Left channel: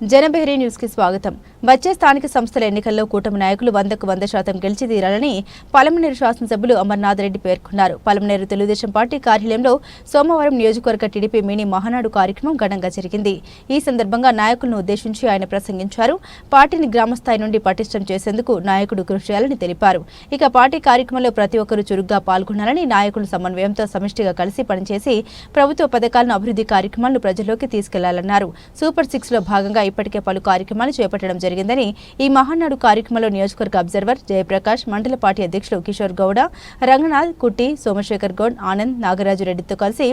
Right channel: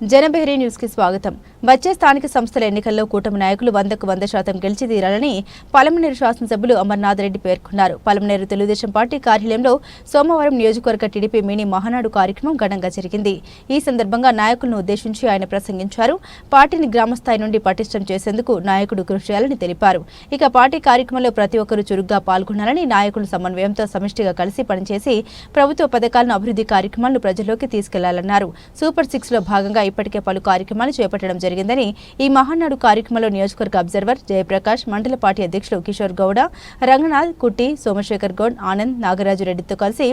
జనబెహరీ news కి స్వాగతం. వచ్చే స్థానిక సంస్థల ఎన్నికల్లో కూటమి నాయకులు 100కు 100% గెలిచి తీరాలని పలమనేరు శాసనసభ్యులు అమర్నాథ్ రెడ్డి పేర్కొన్నారు. పలమనేరు తెలుగుదేశం పార్టీ కార్యాలయంలో సోమవారం నియోజకవర్గ టీడీపీ మినీ మహానాడు కార్యక్రమం ఘనంగా జరిగింది. ఈ సందర్భంగా నాయకులను ఉద్దేశించి ఆయన ప్రసంగించారు. పార్టీని గ్రామస్థాయి నుండి పటిష్టం చేసేందుకు నాయకుడు కృషి చేయాలని తెలిపారు. ఇక పార్టీ కార్యక్రమంలో ప్రతి ఒక్కరూ చురుగ్గా పాల్గొనాలని, నాయకులు సమన్వయంతో సమిష్టిగా కలిసి పనిచేసి ప్రభుత్వ పథకాలను, అభివృద్ధి కార్యక్రమాలను ప్రజల్లోకి తీసుకెళ్లాలన్నారు. సూపర్ 6 లో భాగంగా ఇప్పటికే పలు కార్యక్రమాలు చేపట్టడం జరిగిందని, ఈ మహానాడు కార్యక్రమంలో నియోజకవర్గ అబ్జర్వర్ జయప్రకాష్, మండల పార్టీ అధ్యక్షులు కిషోర్ గౌడ, రంగనాథ్, కుట్టి, సోమశేఖర్ గౌడ్, ఆనంద్, నాగరాజు రెడ్డితో కలిసి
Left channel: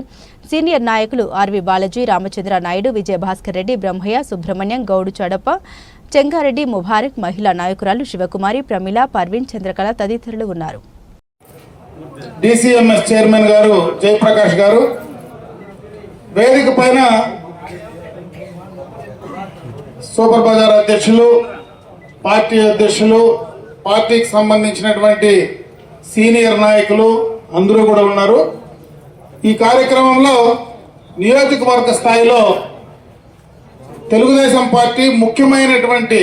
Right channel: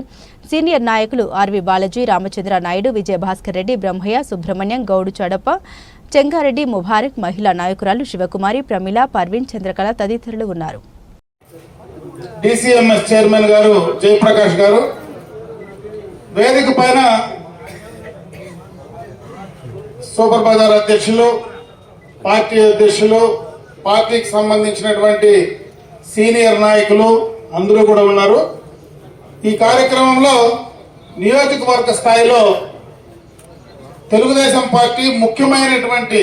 సీనియర్ నాయకులు ఆర్వి బాలాజీ, రామచంద్ర నాయుడు, విజయభాస్కర్ రెడ్డి, బ్రహ్మయ్య, సుబ్రహ్మణ్యం, గౌడు చడప్ప, చెంగారెడ్డి, ముబారక్, మహిళా నాయకురాలు శివకుమారి, ప్రమిళ, పర్వీన్, చంద్రకళ తదితరులు ఉన్నారు. DCMS చైర్మన్ గారు జయప్రకాష్ గారు వేదిక పైన సూపర్ బజార్ అధ్యక్షులు, పార్టీ అధ్యక్షులు, పార్టీకి సంబంధించినటువంటి సీనియర్ నాయకులు అందరూ కూడా ఉన్నారు. ఈ కార్యక్రమంలో నియోజకవర్గ స్థాయిలో తెలుగుదేశం పార్టీ ముఖ్యమైనటువంటి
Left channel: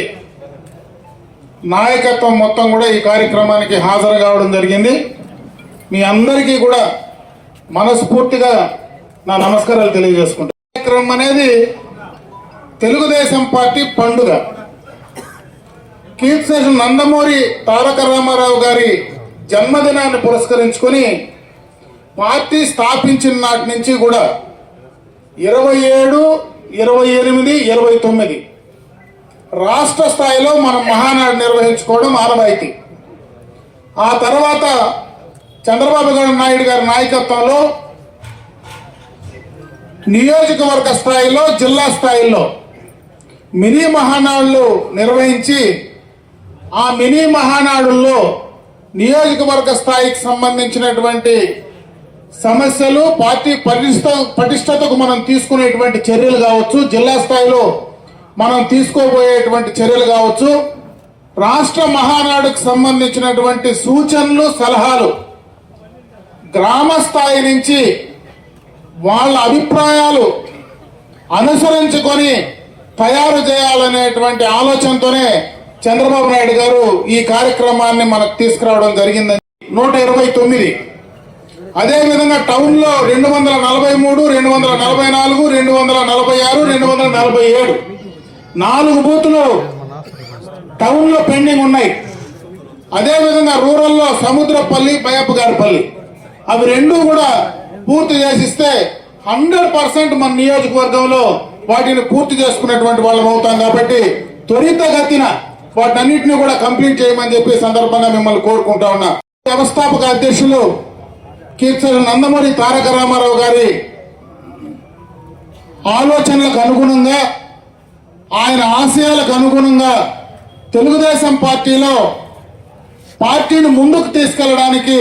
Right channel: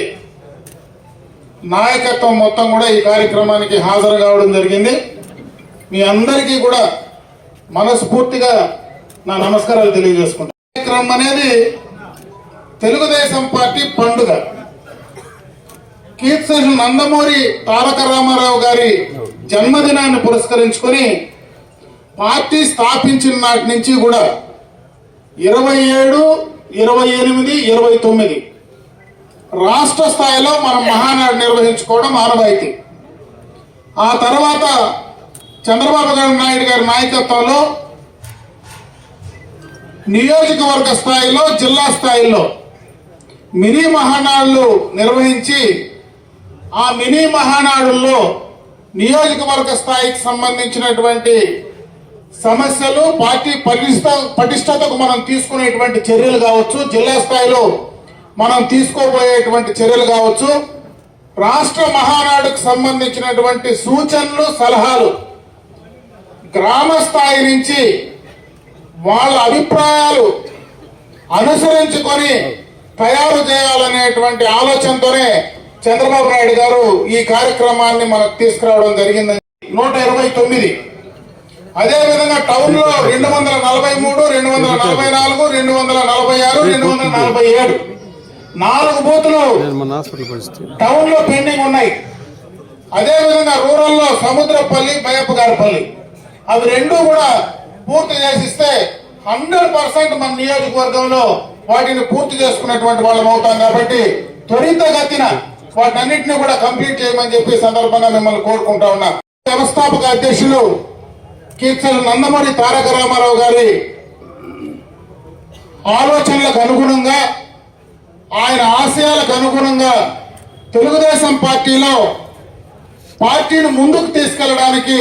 నాయకత్వం మొత్తం కూడా ఈ కార్యక్రమానికి హాజరు కావడం జరిగింది. మీ అందరికీ కూడా మనస్ఫూర్తిగా నా నమస్కారాలు తెలియజేసుకుంటాను. కార్యక్రమం అనేది తెలుగుదేశం పార్టీ పండుగ. కీర్తిశేషులు నందమూరి తారక రామారావు గారి జన్మదినాన్ని పురస్కరించుకొని పార్టీ స్థాపించిన నాటి నుంచి కూడా 27, 28, 29 రాష్ట్ర స్థాయిలో మనం మహానాడు నిర్వహించుకోవడం ఆనవాయితీ. ఆ తర్వాత చంద్రబాబు నాయుడు గారి నాయకత్వంలో నియోజకవర్గ స్థాయిలో, జిల్లా స్థాయిలో మినీ మహానాడులు నిర్వహించి, ఆ మినీ మహానాడుల్లో నియోజకవర్గ స్థాయికి సంబంధించినటువంటి సమస్యలు, పార్టీ పటిష్టతకు మనం తీసుకునేటువంటి చర్యలు కావచ్చు, జిల్లా స్థాయిలో మనం తీసుకోబోయేటువంటి చర్యలు కావచ్చు, రాష్ట్ర మహానాడుకు సంబంధించినటువంటి సూచనలు, సలహాలు గ్రామ స్థాయి నుంచి వాళ్ళ అభిప్రాయాలు అనుసరించుకొని తయారు చేయాలనేటువంటి ఆలోచనతోనే చంద్రబాబు నాయుడు గారు ఈ కార్యక్రమాన్ని మనకు తీసుకురావడం జరిగిందని. 129 అదేవిధంగా టౌన్ లో 243, 244, 246, 247 4 బూతులు టౌన్ లో పెండింగ్ ఉన్నాయి. అదేవిధంగా రూరల్ లో సముద్రపల్లి, బయప్పగారిపల్లి అవి రెండు కూడా పూర్తి చేసిస్తే 100% మన నియోజకవర్గంలో వాటిని పూర్తి చేసుకునేటువంటి వాళ్ళం అవుతాం. కాబట్టి త్వరితగతిన వాటన్నిటిని కూడా కంప్లీట్ చేయమని చెప్పి సందర్భంగా మిమ్మల్ని కోరుకుంటా ఉన్నా. వ్యవస్థాపక అధ్యక్షులు కీర్తిశేషులు నందమూరి తారక రామారావు గారి ఆలోచనలకు అనుగుణంగా, ఆయన ఆశయాలకు అనుగుణంగా తెలుగుదేశం పార్టీలో పార్టీని ముందుకు తీసుకెళ్లడానికి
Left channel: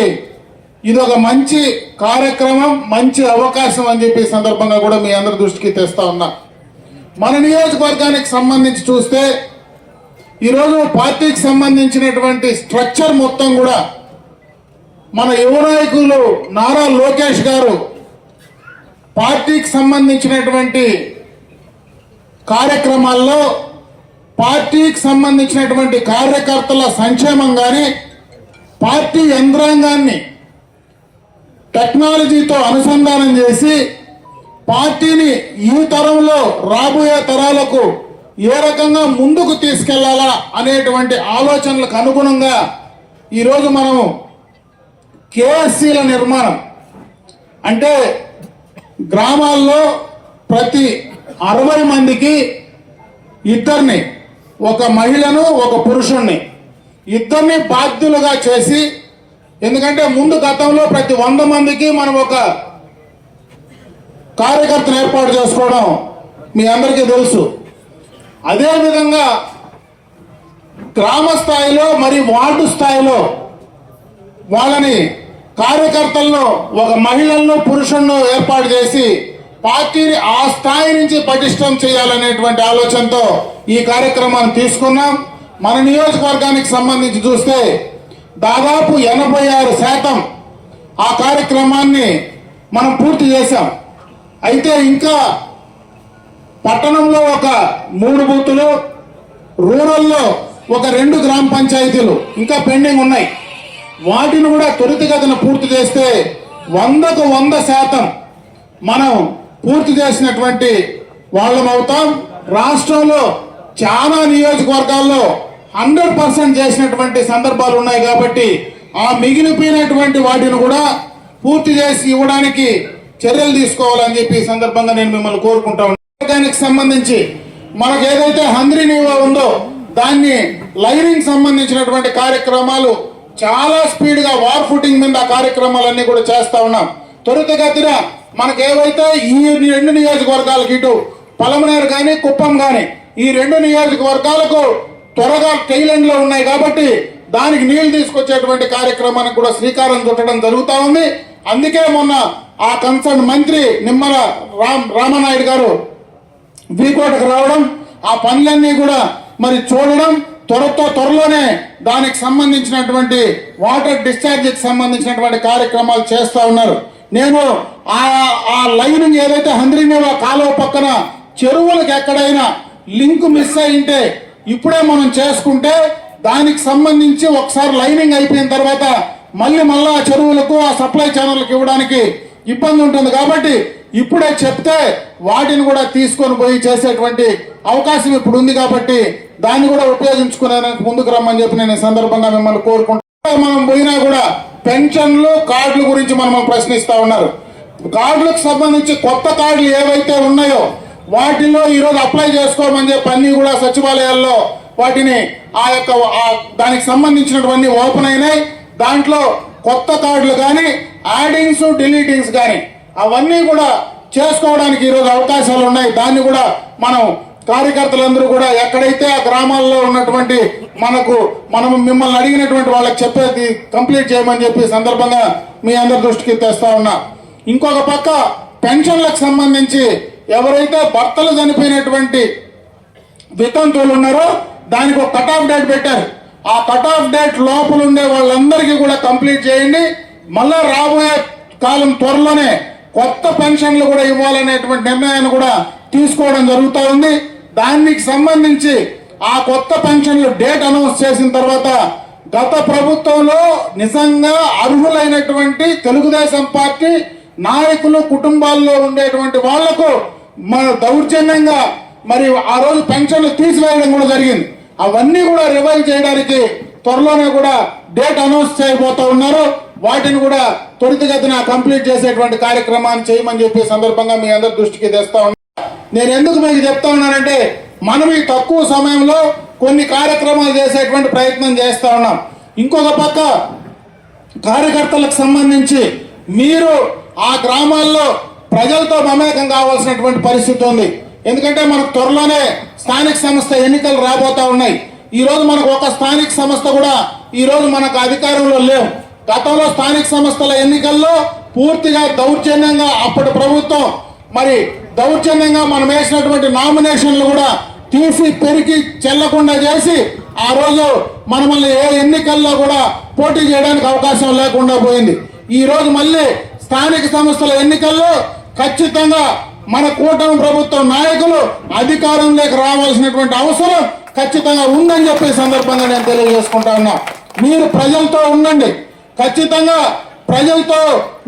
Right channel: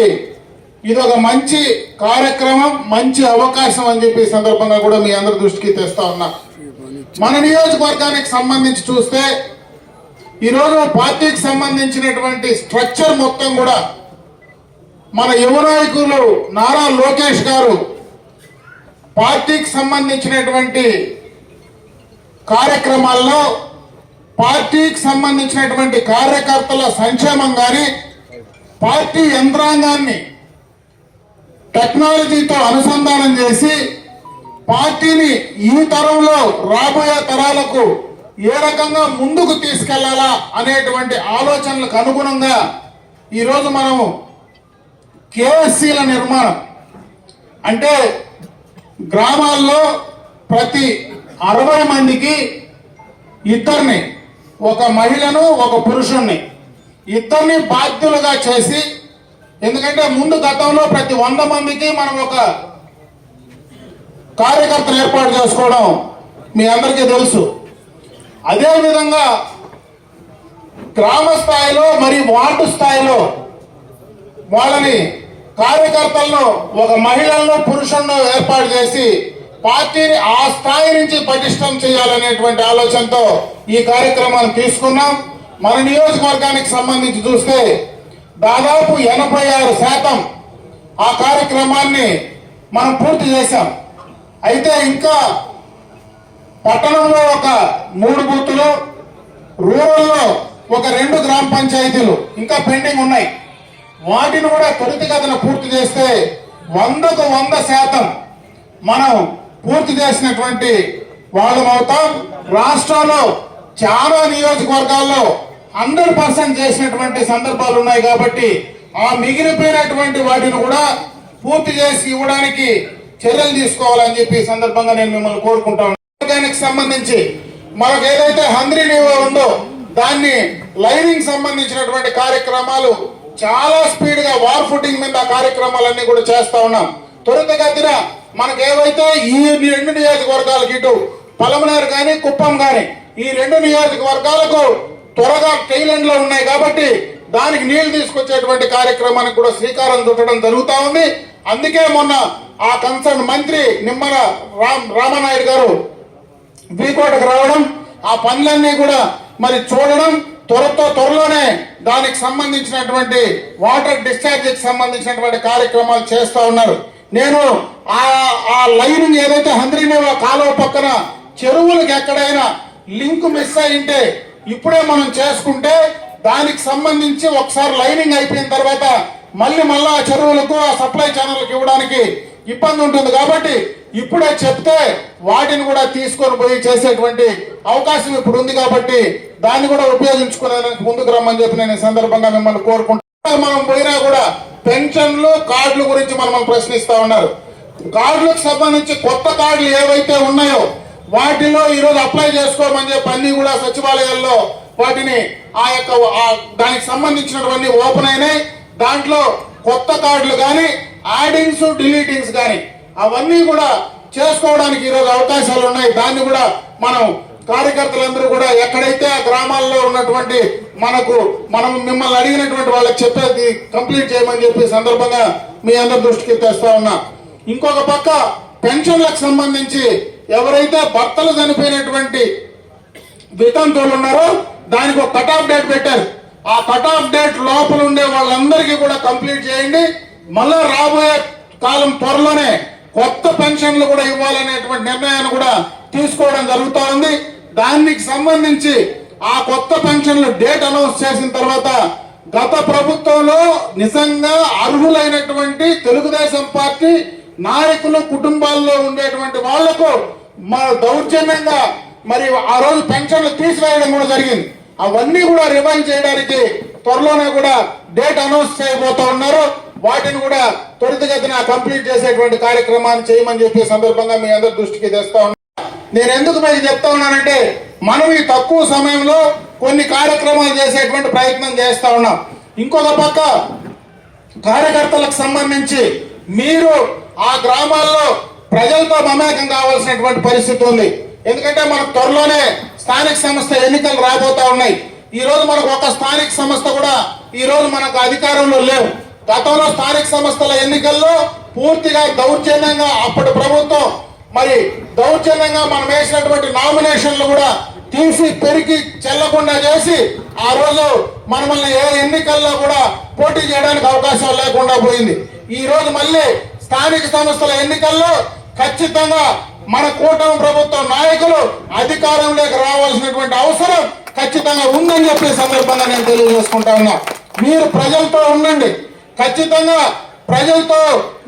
ఇది ఒక మంచి కార్యక్రమం, మంచి అవకాశం అని చెప్పి సందర్భంగా కూడా మీ అందరి దృష్టికి తెస్తా ఉన్నా. మన నియోజకవర్గానికి సంబంధించి చూస్తే ఈరోజు పార్టీకి సంబంధించినటువంటి స్ట్రక్చర్ మొత్తం కూడా మన యువ నాయకులు నారా లోకేష్ గారు పార్టీకి సంబంధించినటువంటి కార్యక్రమాల్లో, పార్టీకి సంబంధించినటువంటి కార్యకర్తల సంక్షేమం కానీ, పార్టీ యంత్రాంగాన్ని టెక్నాలజీతో అనుసంధానం చేసి పార్టీని ఈ తరంలో రాబోయే తరాలకు ఏ రకంగా ముందుకు తీసుకెళ్లాలా అనేటువంటి ఆలోచనలకు అనుగుణంగా ఈరోజు మనం కేఎస్సీల నిర్మాణం, అంటే గ్రామాల్లో ప్రతి 60 మందికి ఇద్దరిని, ఒక మహిళను, ఒక పురుషుణ్ణి, ఇద్దరిని బాధ్యులుగా చేసి, ఎందుకంటే ముందు గతంలో ప్రతి 100 మందికి మనం ఒక కార్యకర్తను ఏర్పాటు చేసుకోవడం మీ అందరికీ తెలుసు. అదేవిధంగా గ్రామ స్థాయిలో మరి వార్డు స్థాయిలో వాళ్ళని కార్యకర్తలను ఒక మహిళలను, పురుషులను ఏర్పాటు చేసి పార్టీని ఆ స్థాయి నుంచి పటిష్టం చేయాలనేటువంటి ఆలోచనతో ఈ కార్యక్రమాన్ని తీసుకున్నాం. మన నియోజకవర్గానికి సంబంధించి చూస్తే దాదాపు 86% ఆ కార్యక్రమాన్ని మనం పూర్తి చేశాం. అయితే ఇంకా పట్టణంలో ఒక 3 బూతులు, రూరల్లో ఒక 2 గ్రామ పంచాయతీలు ఇంకా పెండింగ్ ఉన్నాయి. వాటిని కూడా త్వరితగతిన పూర్తి చేస్తే 100కు 100% మనం పూర్తి చేసినటువంటి వాళ్ళం అవుతాం. రాష్ట్రంలో చాలా నియోజకవర్గాల్లో 100% చేసినటువంటి సందర్భాలు ఉన్నాయి. కాబట్టి ఆ మిగిలిపోయినటువంటి వాటిని కూడా పూర్తి చేసి ఇవ్వడానికి చర్యలు తీసుకోవాలని చెప్పి ఈ సందర్భంగా నేను మిమ్మల్ని కోరుకుంటాను. దానికి సంబంధించి మనకు ఏదైతే హంద్రీ నివా ఉందో దాన్ని లైనింగ్ సంబంధించినటువంటి కార్యక్రమాలు చాలా స్పీడ్ గా వార్ ఫుటింగ్ మీద కార్యక్రమాలన్నీ కూడా చేస్తా ఉన్నాం. త్వరితగతిన మనకు ఏవైతే ఈ 2 నియోజకవర్గాలకు, ఇటు పలమనేరు కానీ కుప్పం కానీ, ఈ 2 నియోజకవర్గాలకు త్వరగా టైలెండ్ లో ఉన్నాయి కాబట్టి దానికి నీళ్లు తీసుకొచ్చేటువంటి కార్యక్రమానికి కూడా శ్రీకారం చుట్టడం జరుగుతా ఉంది. అందుకే మొన్న ఆ కన్సర్న్ మంత్రి నిమ్మల రామనాయుడు గారు వీకోటకు రావడం, ఆ పనులన్నీ కూడా మరి చూడడం, త్వరలోనే దానికి సంబంధించినటువంటి వాటర్ డిశ్చార్జ్ కి సంబంధించినటువంటి కార్యక్రమాలు చేస్తూ ఉన్నారు. నేను ఆ లైనింగ్ ఏదైతే హంద్రీనివా కాలువ పక్కన చెరువులకు ఎక్కడైనా లింక్ మిస్ అయింటే ఇప్పుడే మనం చేసుకుంటే దానికి సంబంధించి ఒకసారి లైనింగ్ అయిపోయిన తర్వాత మళ్ళీ ఆ చెరువులకు, ఆ సప్లై ఛానల్కి ఇవ్వడానికి ఇబ్బంది ఉంటుంది. కాబట్టి ఇప్పుడే చెప్తే వాటిని కూడా తీసుకొని పోయి చేసేటువంటి అవకాశం ఇప్పుడు ఉంది. కాబట్టి దాన్ని కూడా ఉపయోగించుకునేందుకు ముందుకు రమ్మని చెప్పి నేను ఈ సందర్భంగా మిమ్మల్ని కోరుకుంటున్నాను. మనం పోయినా కూడా పెన్షన్లు, కార్డుల గురించి మనం ప్రశ్నిస్తా ఉన్నారు. కార్డులకు సంబంధించి కొత్త కార్డులు ఏవైతే ఉన్నాయో వాటిలో ఈరోజు అప్లై చేసుకోమని చెప్పి అన్ని కూడా సచివాలయాల్లో వాటిని దానికి సంబంధించినటువంటి ఓపెన్ అయినాయి. దాంట్లో కొత్త కార్డులు కానీ, యాడింగ్స్, డిలీటింగ్స్ కానీ అవన్నీ కూడా చేసుకోవడానికి ఈరోజు అవకాశాలు ఉన్నాయి. దాన్ని కూడా మనం కార్యకర్తలందరూ కూడా ఎక్కడైతే ఆ గ్రామాల్లో ఉన్నటువంటి మనం మిమ్మల్ని అడిగినటువంటి వాళ్ళకి చెప్పేది కంప్లీట్ చేయమని చెప్పి సందర్భంగా మీ అందరి దృష్టికి తెస్తా ఉన్నా. ఇంకొక పక్క పెన్షన్లకు సంబంధించి ఎవరైతే భర్తలు చనిపోయినటువంటి వితంతువులు ఉన్నారో దానికి ఒక కట్ ఆఫ్ డేట్ పెట్టారు. ఆ కట్ ఆఫ్ డేట్ లోపల ఉండే వాళ్ళందరికీ కూడా కంప్లీట్ చేయండి. మళ్ళా రాబోయే కాలం త్వరలోనే కొత్త పెన్షన్లు కూడా ఇవ్వాలనేటువంటి నిర్ణయాన్ని కూడా తీసుకోవడం జరుగుతూ ఉంది. దానికి సంబంధించి ఆ కొత్త పెన్షన్లు డేట్ అనౌన్స్ చేసిన తర్వాత గత ప్రభుత్వంలో నిజంగా అర్హులైనటువంటి తెలుగుదేశం పార్టీ నాయకులు కుటుంబాల్లో ఉండేటువంటి వాళ్లకు దౌర్జన్యంగా మరి ఆ రోజు పెన్షన్లు తీసివేయడం కూడా జరిగింది. అవన్నీ కూడా రివైవ్ చేయడానికి త్వరలోనే కూడా డేట్ అనౌన్స్ చేయబోతా ఉన్నారు. వాటిని కూడా త్వరితగతిన కంప్లీట్ చేసేటువంటి కార్యక్రమాన్ని చేయమని చెప్పి సందర్భంగా మీ అందరి దృష్టికి తెస్తా ఉన్నా. నేను ఎందుకు మీకు చెప్తా ఉన్నానంటే మనం ఈ తక్కువ సమయంలో కొన్ని కార్యక్రమాలు చేసేటువంటి ప్రయత్నం చేస్తా ఉన్నాం. ఇంకొక పక్క కార్యకర్తలకు సంబంధించి మీరు ఆ గ్రామాల్లో ప్రజలతో మమేకం కావాల్సినటువంటి పరిస్థితి ఉంది. ఎందుకంటే మనకు త్వరలోనే స్థానిక సంస్థ ఎన్నికలు రాబోతా ఉన్నాయి. ఈ రోజు మనకు ఒక స్థానిక సంస్థ కూడా ఈ రోజు మనకు అధికారంలో లేవు. గతంలో స్థానిక సంస్థల ఎన్నికల్లో పూర్తిగా దౌర్జన్యంగా అప్పటి ప్రభుత్వం మరి దౌర్జన్యంగా మనం వేసినటువంటి నామినేషన్లు కూడా తీసి పెరిగి చెల్లకుండా చేసి ఆ రోజు మనల్ని ఏ ఎన్నికల్లో కూడా పోటీ చేయడానికి అవకాశం లేకుండా పోయింది. ఈ రోజు మళ్ళీ స్థానిక సంస్థల ఎన్నికల్లో ఖచ్చితంగా మన కూటమి ప్రభుత్వం నాయకులు అధికారంలోకి రావాల్సినటువంటి అవసరం ఖచ్చితంగా ఉందని చెప్పే సందర్భంగా నేను తెలియజేసుకుంటా ఉన్నా. మీరు ప్రజలతో ఉండండి, ఖచ్చితంగా ప్రజలతో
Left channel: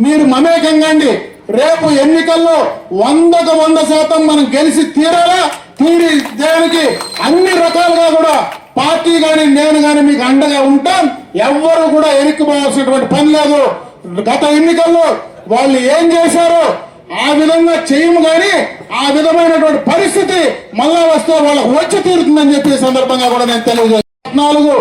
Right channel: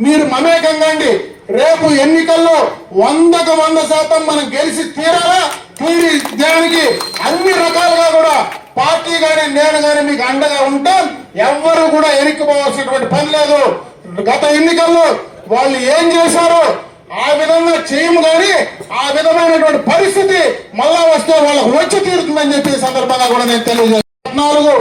మీరు మమేకంగండి. రేపు ఎన్నికల్లో 100కు 100% మనం గెలిచి తీరాలా, తీరి దానికి అన్ని రకాలుగా కూడా పార్టీ గాని నేను గాని మీకు అండగా ఉంటాం. ఎవ్వరు కూడా ఎరిక్కిపోవాల్సినటువంటి పని లేదు. గత ఎన్నికల్లో వాళ్ళు ఏం చేశారో ఆ విధంగా చేయము కానీ ఆ విధమైనటువంటి పరిస్థితి మళ్ళా వస్తే వాళ్ళకు వచ్చి తీరుతుందని చెప్పి సందర్భంగా కూడా నేను తెలియజేస్తాను.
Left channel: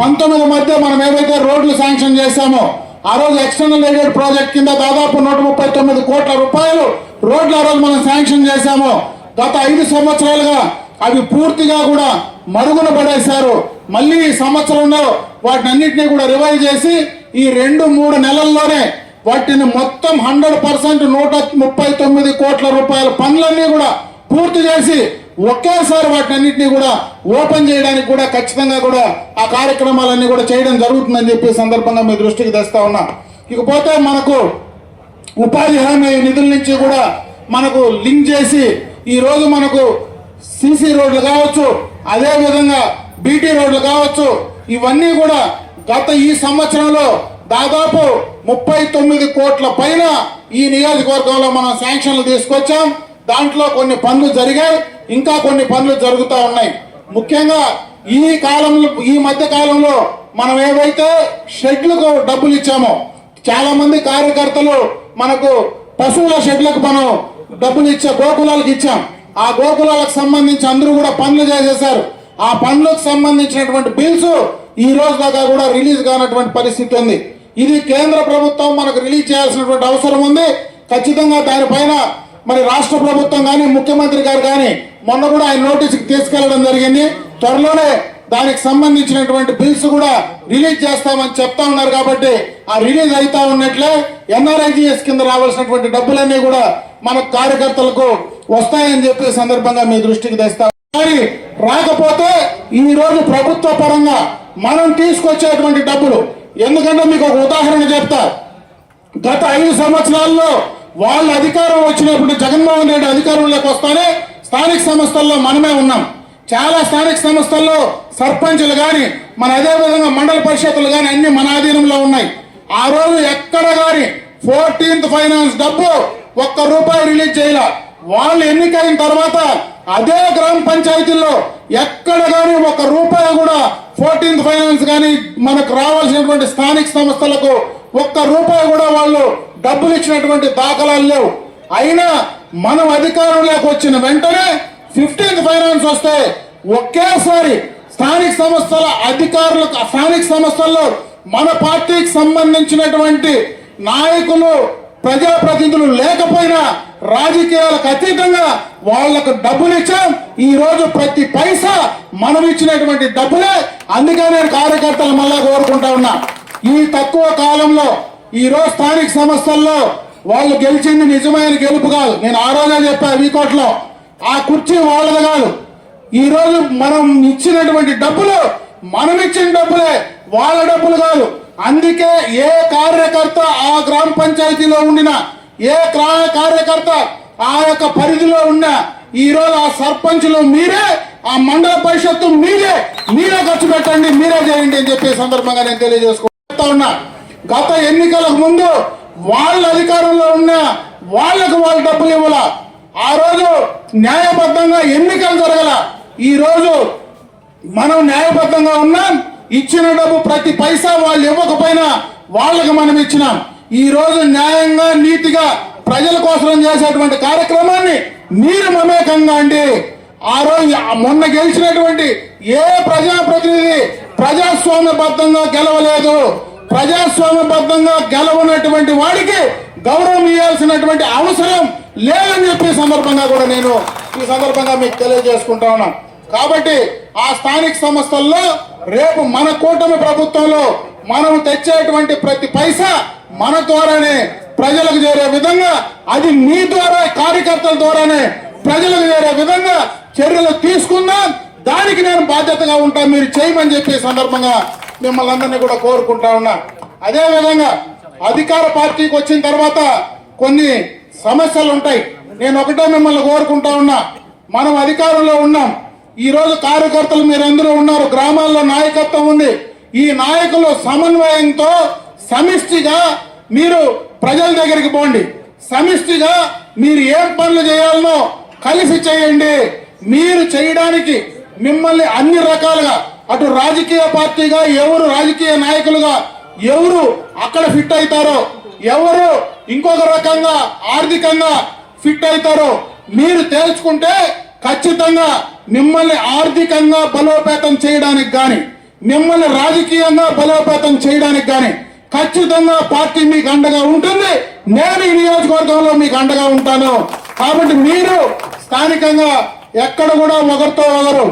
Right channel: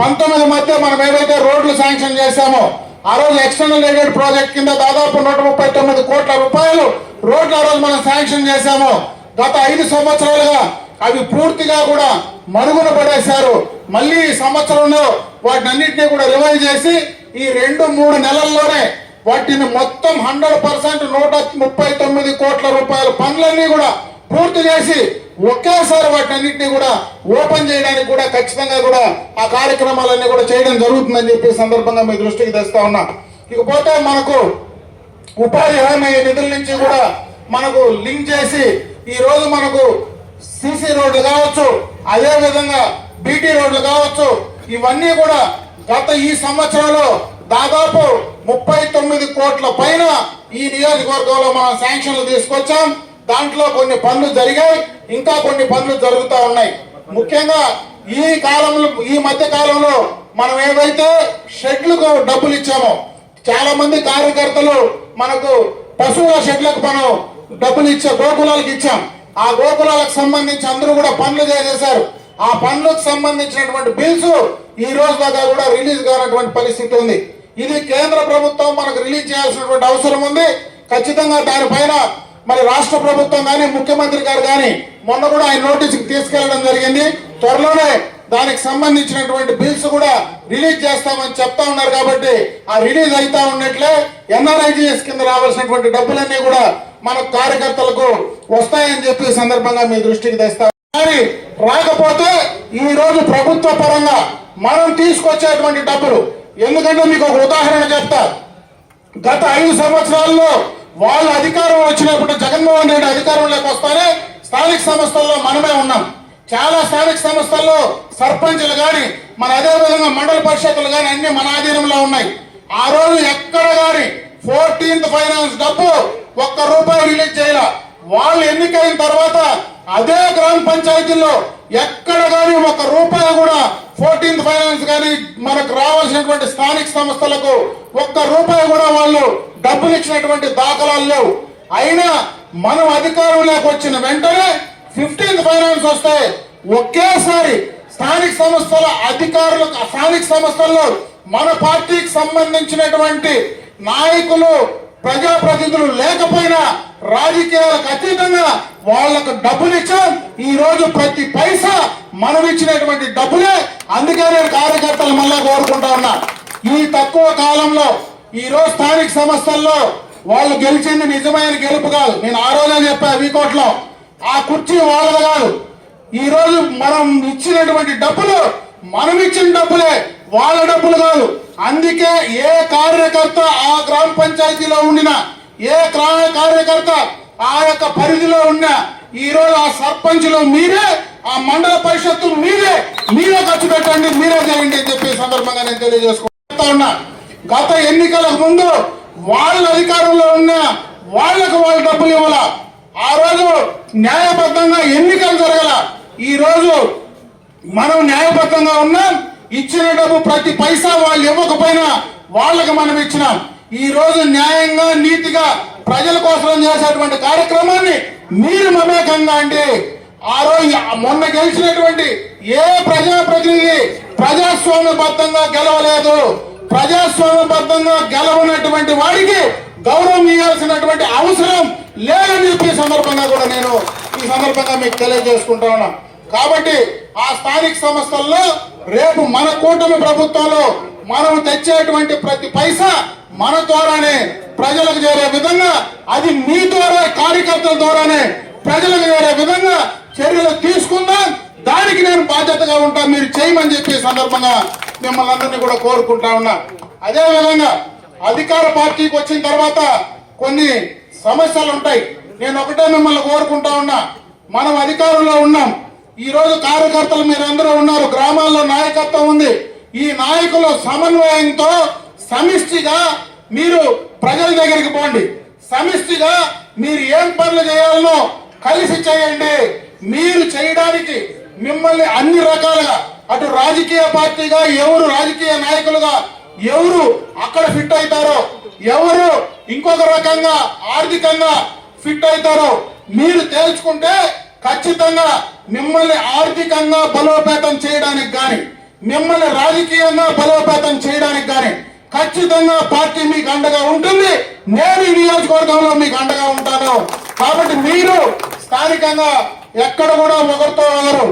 14-19 మధ్య మనం ఏదైతే రోడ్లు శాంక్షన్ చేశామో ఆ రోజు ఎక్స్టర్నల్ ఎయిడెడ్ ప్రాజెక్ట్ కింద దాదాపు 139 కోట్ల రూపాయలు రోడ్లు ఆ రోజు మనం శాంక్షన్ చేశామో గత 5 సంవత్సరాలుగా అవి పూర్తిగా కూడా మరుగున పడేశారు. మళ్ళీ ఈ సంవత్సరంలో వాటిని అన్నింటినీ కూడా రివైవ్ చేసి ఈ 2-3 నెలల్లోనే వాటిని మొత్తం 100% 139 కోట్ల రూపాయల పనులన్నీ కూడా పూర్తి చేసి ఒకేసారి వాటినన్నింటినీ కూడా ఓపెన్ చేయడానికి కూడా ఖచ్చితంగా కూడా ఆ కార్యక్రమాలన్నీ కూడా చేయడం జరుగుతుందని చెప్పి సందర్భంగా మీ దృష్టికి తెస్తా ఉన్నా. ఇకపోతే మనకు ఉపాధి హామీ నిధుల నుంచి కూడా మనకు లింక్ చేసి ఈ రోజు మనకు సిసి రోడ్లు కావచ్చు, అదే విధంగా బీటీ రోడ్లు కావచ్చు, ఇవన్నీ కూడా గత ఈ సంవత్సరంలో దాదాపు 39 కోట్ల పైన ఈ నియోజకవర్గంలో మనం శాంక్షన్లు తీసుకొచ్చాం. దాంట్లో కొన్ని పనులు జరిగాయి, ఇంకా కొన్ని పనులు జరుగుతూ ఉన్నాయి. ముఖ్యంగా ఈ మధ్య కాలంలో మనం ఏవైతే షెడ్లకు డబ్బులు ఇచ్చామో, చాలా మంది కార్యకర్తలు మనకు పశువుల షెడ్లకు మనం డబ్బులు ఇచ్చే గోకులాలకు ఇచ్చాం. ఆ గోకులాలకు సంబంధించి అందరూ కూడా పనులు చేసేశారు. ఆ పనులకు సంబంధించినటువంటి బిల్స్ ఈ రోజు దాకా కూడా రిలీజ్ కానటువంటి పరిస్థితి ఉంది. ఇది కేంద్ర ప్రభుత్వం మనకు రిలీజ్ చేయాల్సినటువంటి అవసరం ఉంది. ఖచ్చితంగా దానిపైన మరి రాష్ట్ర ప్రభుత్వం కానీ ముఖ్యమంత్రి గారు కానీ మొన్న కూడా ఆయన నోటీసుకి తీసుకెళ్లడం జరిగింది. త్వరలోనే దానికి సంబంధించినటువంటి బిల్స్ కూడా రిలీజ్ చేస్తామని చెప్తా ఉన్నారు. కాబట్టి ఆ రిలీజ్ అవుతా ఉన్నట్లే ఎన్ఆర్ఐజిఎస్ కింద రావాల్సినటువంటి డబ్బులన్నీ కూడా మన కార్యకర్తలకు వస్తాయని చెప్పి సందర్భంగా మీ దృష్టికి తెస్తాం. కానీ రాకపోతే ఈ రోజు ప్రభుత్వ పరంగా మనం తీసుకొచ్చేటువంటి డబ్బులు, ఎందుకంటే మీకు ఒక ఉదాహరణ చెప్తా. గత 5 సంవత్సరాల్లో వాళ్ళ అధికారం వచ్చినప్పుడు జగన్మోహన్ రెడ్డి అధికారంలోకి వస్తానే స్థానిక సంస్థల్లో మనమే ఉన్నాం. చాలా స్థానిక సంస్థల్లో సర్పంచులు గాని మన అదే విధంగా మండల పరిషత్తులు గాని అన్ని మన ఆధీనంలో ఉన్నాయి. ఆ రోజు ఎక్కడ గాని 14th ఫైనాన్స్ డబ్బు ₹1 రిలీజ్ చేయాల. వాళ్ళు ఎన్నికైన తర్వాత అదే గ్రామ పంచాయతీలో ఎక్కడ గాని ₹1 కూడా 14th ఫైనాన్స్ గాని మనకు రావాల్సినటువంటి స్థానిక సంస్థలకు ₹1 కూడా వాళ్ళు డబ్బులు ఇచ్చినటువంటి దాఖలాలు లేవు. అయినా మనం అధికారంలోకి వచ్చిన వెంటనే 15th ఫైనాన్స్ వస్తే ఒకేసారి స్థానిక సంస్థల అధికారులు, స్థానిక సంస్థల్లో మన పార్టీకి సంబంధించినటువంటి నాయకులు, ప్రజాప్రతినిధులు లేకపోయినా రాజకీయాలకు అతీతంగా వాళ్లకు డబ్బులు ఇచ్చాం. ఈ రోజు ప్రతి పైసా మనం ఇచ్చినటువంటి డబ్బులే. అందుకే నేను కార్యకర్తలు మళ్ళా కోరుకుంటా ఉన్నా, ఈ తక్కువ కాలంలో ఈ రోజు స్థానిక సంస్థల్లో వాళ్ళు గెలిచింది నిజమైన గెలుపు కాదు. నేను ఆ రోజే చెప్పా వీకోట్లో, ఆ కుర్చీ వాళ్ళది కాదు. ఈ రోజు మనం ఇచ్చినటువంటి డబ్బులు మనం ఇచ్చిన డబ్బులే, వాళ్ళ డబ్బులు కాదు. అందుకే ఏ కార్యకర్త ఆ గ్రామ పంచాయతీలో ఉండిన ఏ కార్యకర్త ఆ యొక్క పరిధిలో ఉన్న ఈ రోజు ఆ సర్పంచులు మీరే, ఆ మండల పరిషత్తు మీరే ఖర్చు పెట్టండి, మీరే చేయండి అని చెప్పే సందర్భంగా నేను తెలియజేసుకుంటా ఉన్నా. గత ఎన్నికలకు ముందు వాళ్ళ అధికారంలో ఉన్న వాళ్లకు వాళ్ళు డబ్బులు ఇవ్వాల. ఆ రోజు న్యాయబద్ధంగా ఎన్నికలు జరగల. ఈ రోజు మనం న్యాయబద్ధంగా ఉన్నాం. ఇచ్చిన డబ్బు ప్రతి పైసా వాళ్ళు ఇవ్వకపోయినా వాళ్ళకి మనం ఇచ్చినాం. ఈ రోజు న్యాయంగా నీతిగా ప్రజల కోసం చేసేటువంటి కార్యక్రమాన్ని మీరు మమేకంగా అండి. ఆ రోజు మొన్న గెలిచినటువంటి ఏ ప్రజాప్రతినిధి ప్రజాస్వామ్యబద్ధంగా గెలవలేదు. ప్రజాస్వామ్యబద్ధంగా గెలవనటువంటి వాడికి గౌరవం ఇవ్వాల్సినటువంటి అవసరం లేదని చెప్పి సందర్భంగా కూడా నేను ఈ సందర్భంగా మీకు తెలియజేసుకుంటా ఉన్నాను. కాబట్టి ఆ స్థానిక సంస్థల్లో రేపు మన కూటమి ప్రభుత్వంలో మనం తెచ్చేటువంటి ప్రతి పైసా మన ద్వారానే ప్రజలకు చేరే విధంగా, అది మీ ద్వారా కార్యకర్తల ద్వారానే ప్రజలకు చేరే విధంగా చర్యలు తీసుకుందాం. దానికి నేను బాధ్యతగా ఉంటాను, మీరు చేయమని చెప్పి సందర్భంగా మిమ్మల్ని అందరినీ కూడా కోరుకుంటా ఉన్నా. అదే విధంగా అధికార పార్టీకి వచ్చిన తర్వాత కొన్ని సమస్యలు ఉంటాయి. నేను ఒకటే మిమ్మల్ని కోరుకుంటా ఉన్నా, మనం అధికారంలో ఉన్నాం. ఈ రోజు కార్యకర్తలు మీరందరూ ఉన్నారు, గ్రామాల్లో నాయకత్వం ఉంది. ఈ నాయకుల సమన్వయంతో సమిష్టిగా మీరు ప్రజల దగ్గరికి పోండి. సమిష్టిగా మీరు ఏం పనులు చేయాలనో కలిసి చేయండి. మీరు చేయడానికి మిమ్మల్ని అన్ని రకాలుగా, అటు రాజకీయ పార్టీగా ఎవరు రాజకీయ నాయకులుగా ఎవరు అక్కడ ఫిట్ అవుతారో, ఎవరు ఇంకొక రకంగా ఆర్థికంగా ఫిట్ అవుతారో మీరు తేల్చుకుంటే ఖచ్చితంగా మిమ్మల్ని ఆర్థికంగా బలోపేతం చేయడానికి గాని, మిమ్మల్ని రాజకీయంగా బలోపేతం చేయడానికి గాని ఖచ్చితంగా పార్టీ మీకు అండగా ఉంటుంది. నేను ఈ నియోజకవర్గంలో మీకు అండగా ఉంటాను. కాబట్టి మీరు స్థానికంగా ఎక్కడ కూడా ఒకరితో ఒకరు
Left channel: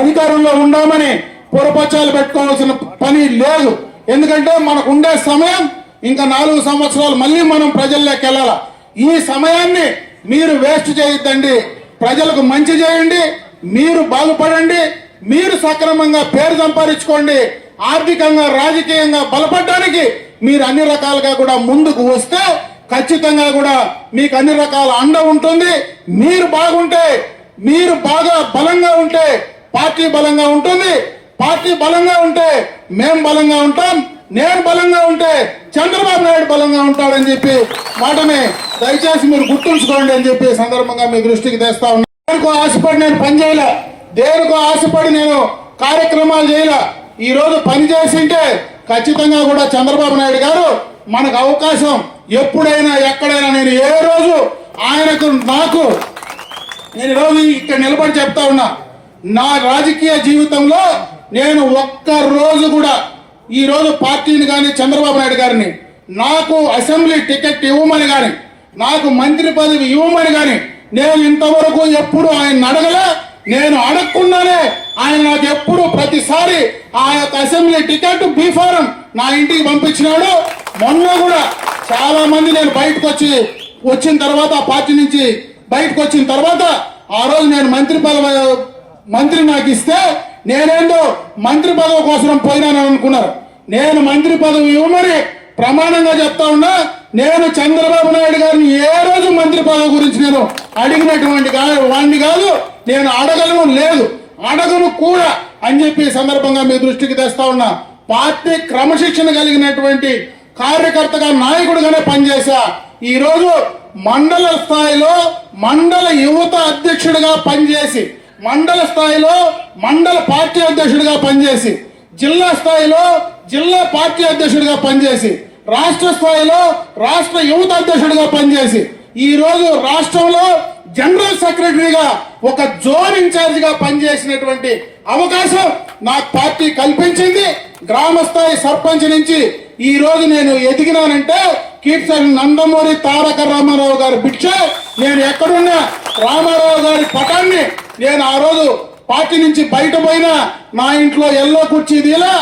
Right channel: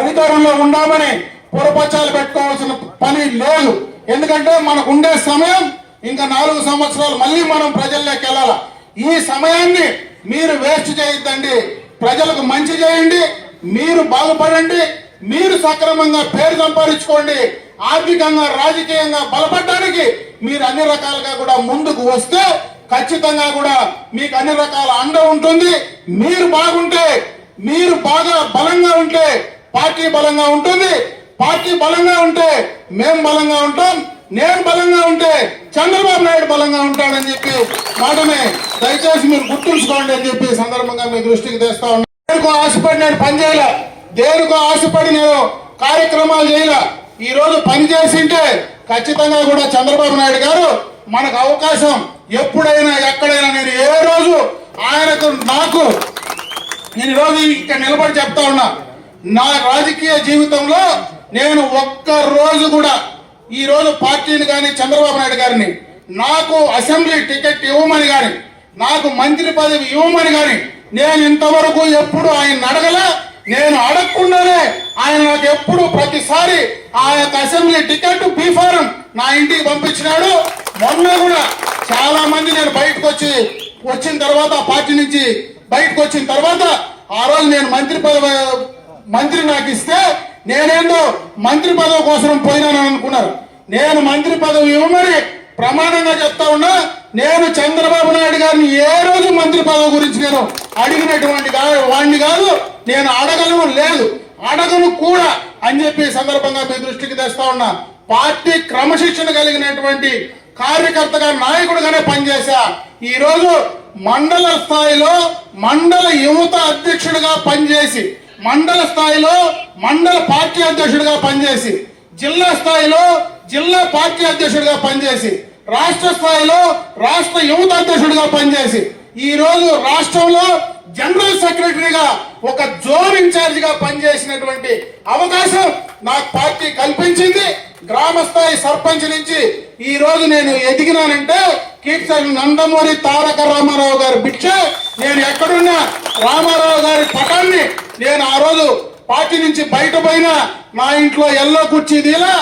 అధికారంలో ఉండామని పొరపచ్చాలు పెట్టుకోవాల్సిన పని లేదు. ఎందుకంటే మనకు ఉండే సమయం ఇంకా 4 సంవత్సరాలు, మళ్ళీ మనం ప్రజల్లోకి వెళ్ళాలి. ఈ సమయాన్ని మీరు వేస్ట్ చేయొద్దండి. ప్రజలకు మంచి చేయండి, మీరు బాగుపడండి, మీరు సక్రమంగా పేరు సంపాదించుకోండి. ఆర్థికంగా రాజకీయంగా బలపడడానికి మీరు అన్ని రకాలుగా కూడా ముందుకు వస్తే ఖచ్చితంగా కూడా మీకు అన్ని రకాల అండ ఉంటుంది. మీరు బాగుంటే, మీరు బాగా బలంగా ఉంటే పార్టీ బలంగా ఉంటుంది. పార్టీ బలంగా ఉంటే మేము బలంగా ఉంటాం. నేను బలంగా ఉంటే చంద్రబాబు నాయుడు బలంగా ఉంటాడని చెప్పి వాటిని దయచేసి మీరు గుర్తుంచుకోండి అని చెప్పి సందర్భంగా మీ దృష్టికి తెస్తా ఉన్నాను. దేనికో ఆశపడి నేను పని చేయాల, దేనికో ఆశపడి నేను కార్యక్రమాలు చేయాల. ఈ రోజు పని చేసింటే ఖచ్చితంగా కూడా చంద్రబాబు నాయుడు గారు మనకు అవకాశం ఎప్పుడైనా ఎక్కడైనా, నేను ఏ రోజు ఆయనకు నాకు నేను ఈరోజు ఇక్కడ నిలబడి చెప్తా ఉన్నా, నా రాజకీయ జీవితంలో నేను ఒక్క రోజు కూడా ఈ రోజు పార్టీని కానీ చంద్రబాబు నాయుడు గారిని నాకు అసెంబ్లీ టికెట్ ఇవ్వమని కానీ, నాకు మంత్రి పదవి ఇవ్వమని కానీ నేను ఇంతవరకు ఎప్పుడు ఆయన అడగలే. నేను అడగకుండానే ఆయన నాకు ఎప్పుడు ప్రతిసారి ఆ యొక్క అసెంబ్లీ టికెట్ బీఫారం నా ఇంటికి పంపించినాడు. మొన్న కూడా చాలా మంది నేను బయటకు వచ్చిన తర్వాత, పార్టీ నుంచి బయటకు వచ్చిన తర్వాత ఆ రోజు నేను మంత్రి నాకు ఇస్తే నేనేందో మంత్రి పదవి కోసం పోయినాను అనుకున్నారు. నేను మంత్రి పదవి ఇవ్వమని ప్రమాణంగా చెప్తా ఉన్నా. నేను చంద్రబాబు నాయుడు గారిని ఏ రోజు మంత్రి పదవి గురించి నేను అడిగినటువంటి వాడిని కాదు, నేను అడగను కూడా అని చెప్పి సందర్భంగా మీ దృష్టికి తెస్తా ఉన్నా. పార్టీ క్రమశిక్షణ కలిగినటువంటి కార్యకర్తగా, నాయకుడిగానే పనిచేశా. ఈ రోజు మండల స్థాయిలో మండల యువత అధ్యక్షుడిగా పనిచేసి, మండల స్థాయిలో మండల పార్టీ అధ్యక్షుడిగా పనిచేసి, జిల్లా స్థాయిలో జిల్లా పార్టీ అధ్యక్షుడిగా పనిచేసి, రాష్ట్ర స్థాయిలో రాష్ట్ర యువత అధ్యక్షుడిగా పనిచేసి, ఈ రోజు రాష్ట్రంలో జనరల్ సెక్రటరీగా ఒక జోన్ ఇన్ఛార్జ్ గా పనిచేసినటువంటి అవకాశం నాకు పార్టీ కల్పించింది. గ్రామ స్థాయి సర్పంచ్ నుంచి ఈ రోజు నేను ఎదిగినానంటే కీర్తన నందమూరి తారక రామారావు గారి భిక్ష. నేను ఎక్కడున్నా రామారావు గారి పటాన్ని నేను ఆ రోజు పార్టీ నుంచి బయట పోయినా నా ఇంట్లో ఎల్లో కుర్చీ దీలా,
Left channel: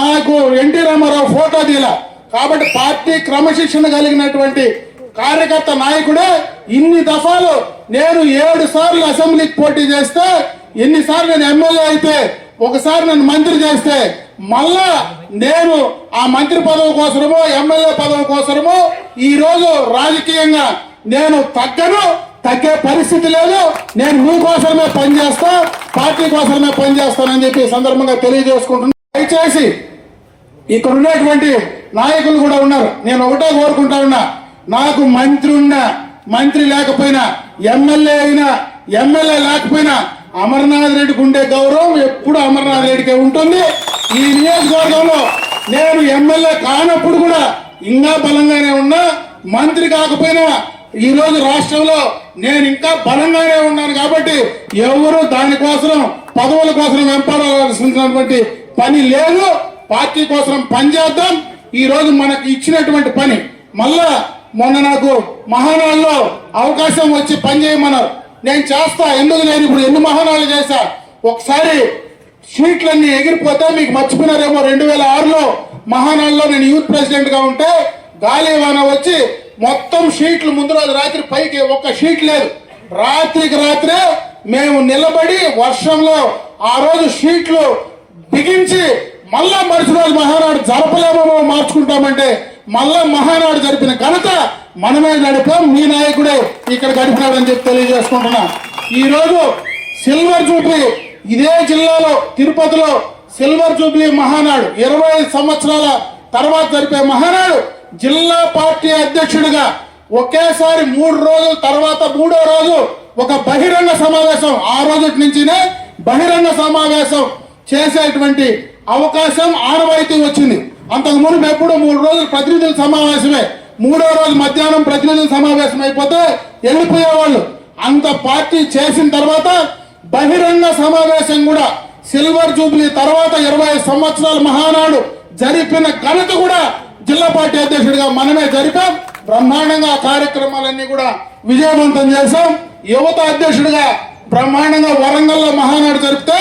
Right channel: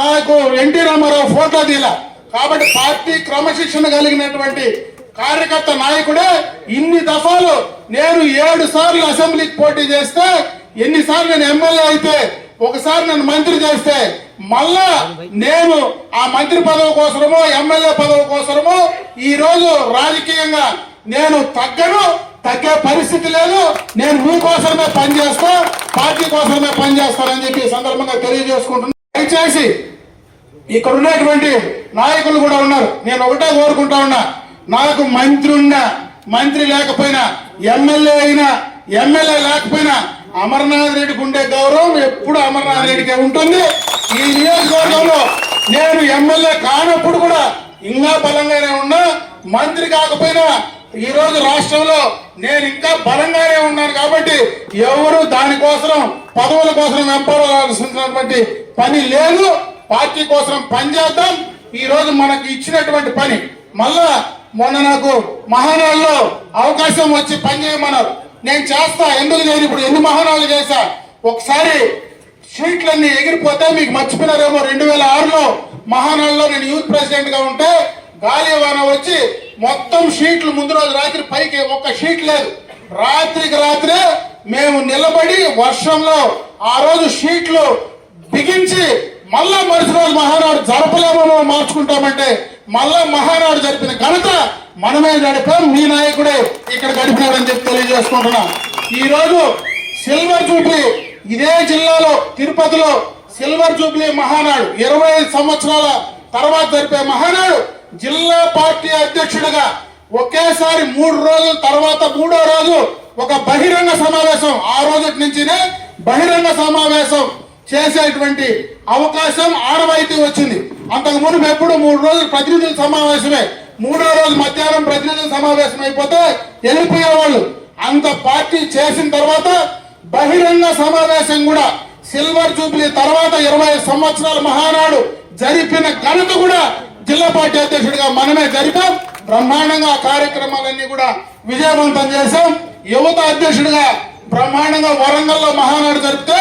నాకు ఎన్టీ రామారావు ఫోటో దీలా. కాబట్టి పార్టీ క్రమశిక్షణ కలిగినటువంటి కార్యకర్త నాయకుడే. ఇన్ని దఫాలు నేను 7 సార్లు అసెంబ్లీకి పోటీ చేస్తే, ఎన్నిసార్లు నేను ఎమ్మెల్యే అయితే, ఒకసారి నేను మంత్రి చేస్తే, మళ్ళా నేను ఆ మంత్రి పదవి కోసమో ఎమ్మెల్యే పదవి కోసమో ఈ రోజు రాజకీయంగా నేను తగ్గే పరిస్థితి లేదు. నేను మీకోసమే పనిచేస్తా, పార్టీ కోసమే పనిచేస్తానని చెప్పి సందర్భంగా తెలియజేసుకుంటున్నాను. దయచేసి ఇక్కడ ఉన్నటువంటి నాయకులు కూడా ఉన్నారు. నేను ఒకటే కోరుకుంటా ఉన్నా, నాకు మంత్రి లేకపోయినా, ఎమ్మెల్యే అయినా, ఎమ్మెల్యే లేకపోయినా అమర్నాథ్ రెడ్డికి ఉండే గౌరవం ఎప్పుడు అమర్నాథ్ రెడ్డికే ఉంటుంది. ఈ నియోజకవర్గంలో నేను ఎమ్మెల్యే కానప్పుడు కూడా ఇంకా బలంగానే ఉన్నా, మంత్రి కాకపోయినా ఈ రోజు రాష్ట్రంలో నేను ఇంకా బలంగానే ఉన్నాను. కాబట్టి ఎవరు దానికోసం పదవుల కోసం వెంపడాల్సినటువంటి పని లేదు. పార్టీ కోసం పనిచేద్దాం. ఈ రోజు మనకు ఇచ్చినటువంటి పని మళ్ళా మొన్న నాకు మహానాడులో అవకాశం వచ్చి పని చేయమన్నారు. నేను చేస్తా. ఎందుకు నేను ఇప్పుడు ఎన్ని మహానాడులు చేశా. ఒకసారి షీట్లన్నీ ఎగిరిపోతే మీకు మర్చిపోయినారేమో, 2006లో మహానాడులో నేను యూత్ ప్రెసిడెంట్ గా ఉంటే గాలివాన వచ్చి మొత్తం షీట్లు ముందు రోజు రాత్రి పైకి ఒక్క షీట్ లేదు. రాత్రికి రాత్రే మేము నిలబడి వర్షంలో ఆ రోజు షీట్లు బిగించి మళ్ళా మరుసటి రోజు మహానాడు జరపలేమో మార్చుకుంటామంటే మళ్ళా మహానాడు జరిపిన ఘనత మనమే గడిపాం. మీ నాయకుడే ఇక్కడ గడిపినాడని చెప్పి తెలియజేసుకుంటున్నాం. ఈ రోజు సిల్వర్ జూబ్లీ ఇదే జిల్లాలో తిరుపతిలో సిల్వర్ జూబ్లీ మహానాడు 25 సంవత్సరాల తర్వాత జరిపే మహానాడు. జిల్లా పార్టీ అధ్యక్షుడిగా ఒకేసారి 3 రోజుల తర్వాత 3వ రోజు ఒక బహిరంగ సమావేశం, ఆ రోజు నుంచినే బహిరంగ సమావేశం చేసేటువంటి అవకాశం ఆనవాయితీ వచ్చింది. అంతకు ముందు ఎప్పుడు 3 రోజులు ప్రతినిధుల సమావేశమే, 3వ రోజు మధ్యాహ్నం ప్రతినిధుల సమావేశం అయిపోతే వెళ్ళిపోయేవాళ్ళు. అంత పార్టీ చేసిన తర్వాత బహిరంగ సమావేశం కూడా సిల్వర్ జూబ్లీ తర్వాత 20 సంవత్సరాల మహానాడు జరిపిన ఘనత కూడా జిల్లా పార్టీ అధ్యక్షుడిగా మనమే జరిపాం. బ్రహ్మాండంగా కార్యక్రమాలన్నీ కూడా విజయవంతం చేశాం. యువత అధ్యక్షుడిగా బ్రహ్మాండంగా వరంగల్లో మహానాడు జరిపితే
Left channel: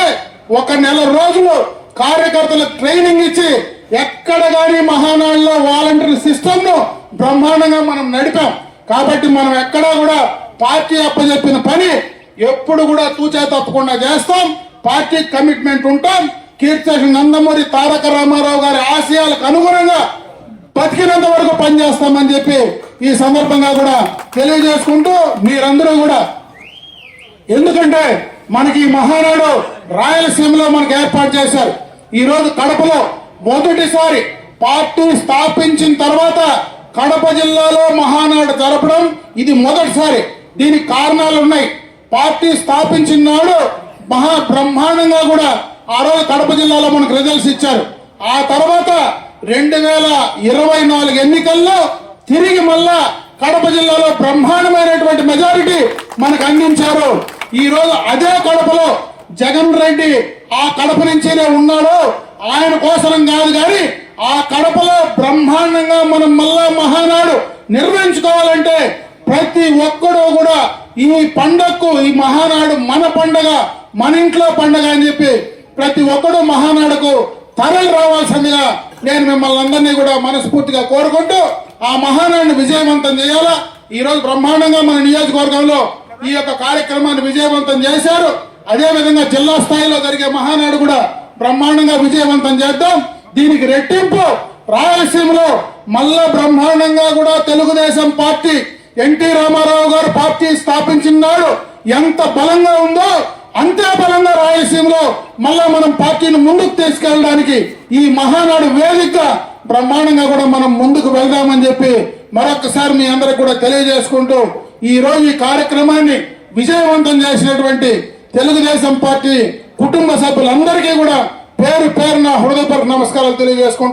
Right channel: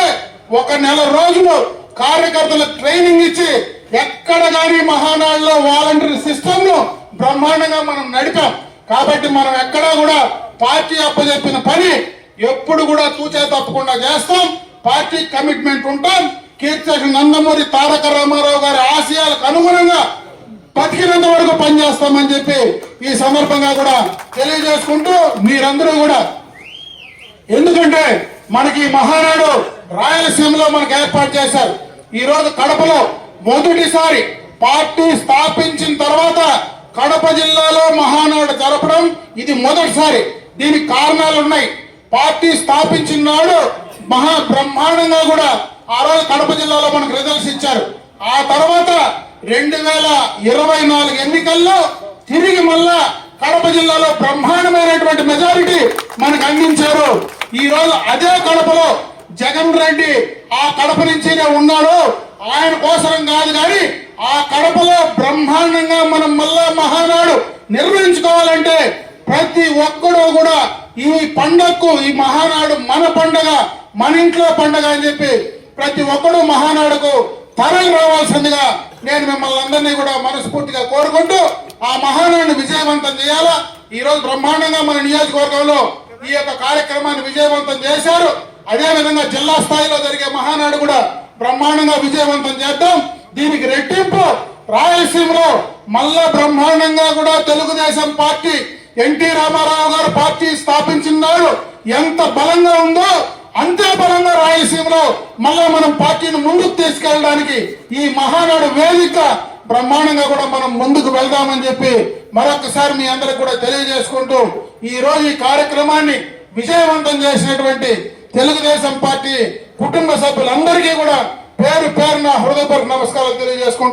1 నెల రోజులు కార్యకర్తలకు ట్రైనింగ్ ఇచ్చి ఎక్కడ గానీ మహానాడులో వాలంటరీ సిస్టమ్ ను బ్రహ్మాండంగా మనం నడిపాం. కాబట్టి మనం ఎక్కడా కూడా పార్టీ అప్పచెప్పిన పని ఎప్పుడు కూడా తూచా తప్పకుండా చేస్తాం. పార్టీ కమిట్మెంట్ ఉంటాం. కీర్తి నందమూరి తారక రామారావు గారి ఆశయాలకు అనుగుణంగా బతికినంత వరకు పనిచేస్తామని చెప్పి ఈ సందర్భంగా కూడా తెలియజేసుకుంటూ మీరందరూ కూడా, ఎందుకంటే మనకి ఈ మహానాడు రాయలసీమలో మనకు ఏర్పాటు చేశారు. ఈ రోజు కడపలో మొదటిసారి పార్టీ స్థాపించిన తర్వాత కడప జిల్లాలో మహానాడు జరపడం ఇది మొదటిసారి. దీనికి కారణాలు ఉన్నాయి. పార్టీ స్థాపించిన నాడు మహా బ్రహ్మాండంగా కూడా ఆ రోజు కడప జిల్లాలో మనకు రిజల్ట్స్ ఇచ్చారు. ఆ తర్వాత 2024 ఎన్నికల్లో తిరిగి మళ్ళా కడప జిల్లాలో బ్రహ్మాండమైనటువంటి మెజారిటీ మనకు అందించారు. ఈ రోజు అదే కడపలో జగన్ రెడ్డి ఆ కడప నుంచినే ఉన్నాడు. ఆయన కోసం కాదు కానీ ఆ కడపలో బ్రహ్మాండంగా మనం మళ్ళా మహానాడు నిర్వహించుకోవాలంటే ప్రతి ఒక్కరూ కూడా ఈ పండగకు, ఈ మహానాడు మన పండగ, మన ఇంట్లో పండగ అని చెప్పి ప్రతి ఒక్కరూ మహానాడుకు తరలి రావాల్సిందిగా నేను మిమ్మల్ని అందరినీ కూడా మనస్ఫూర్తిగా కోరుకుంటూ ఆ మహానాడుని విజయవంతం చేయాలా. ఈ రోజు బ్రహ్మాండంగా మన నియోజకవర్గంలో ఈ యొక్క కార్యక్రమాన్ని విజయవంతం చేశారు. అదే విధంగా జిల్లా స్థాయిలో జరిగే మహానాడు కూడా బ్రహ్మాండంగా విజయవంతం చేద్దాం. దీనికి రెట్టింపు రాయలసీమలో మళ్ళా బ్రహ్మాండంగా కూడా తెలుగుదేశం పార్టీ, ఎన్టీ రామారావు గారు పార్టీ స్థాపించిన నాడు ఎంత బలంగా ఉందో అంతే బలంగా రాయలసీమలో మళ్ళా మనం పార్టీని ముందుకు తీసుకెళ్ళడానికి ఈ మహానాడు వేదిక బ్రహ్మాండంగా కూడా మనం ముందుకు వెళ్దామని చెప్పి మరొకసారి మీ అందరికి కూడా తెలియజేసుకుంటూ ఈ రోజు ఈ కార్యక్రమాన్ని విజయవంతం చేసినటువంటి తెలుగుదేశం పార్టీ కుటుంబ సభ్యులందరికీ కూడా పేరు పేరున హృదయపూర్వక నమస్కారాలు తెలియజేసుకుంటూ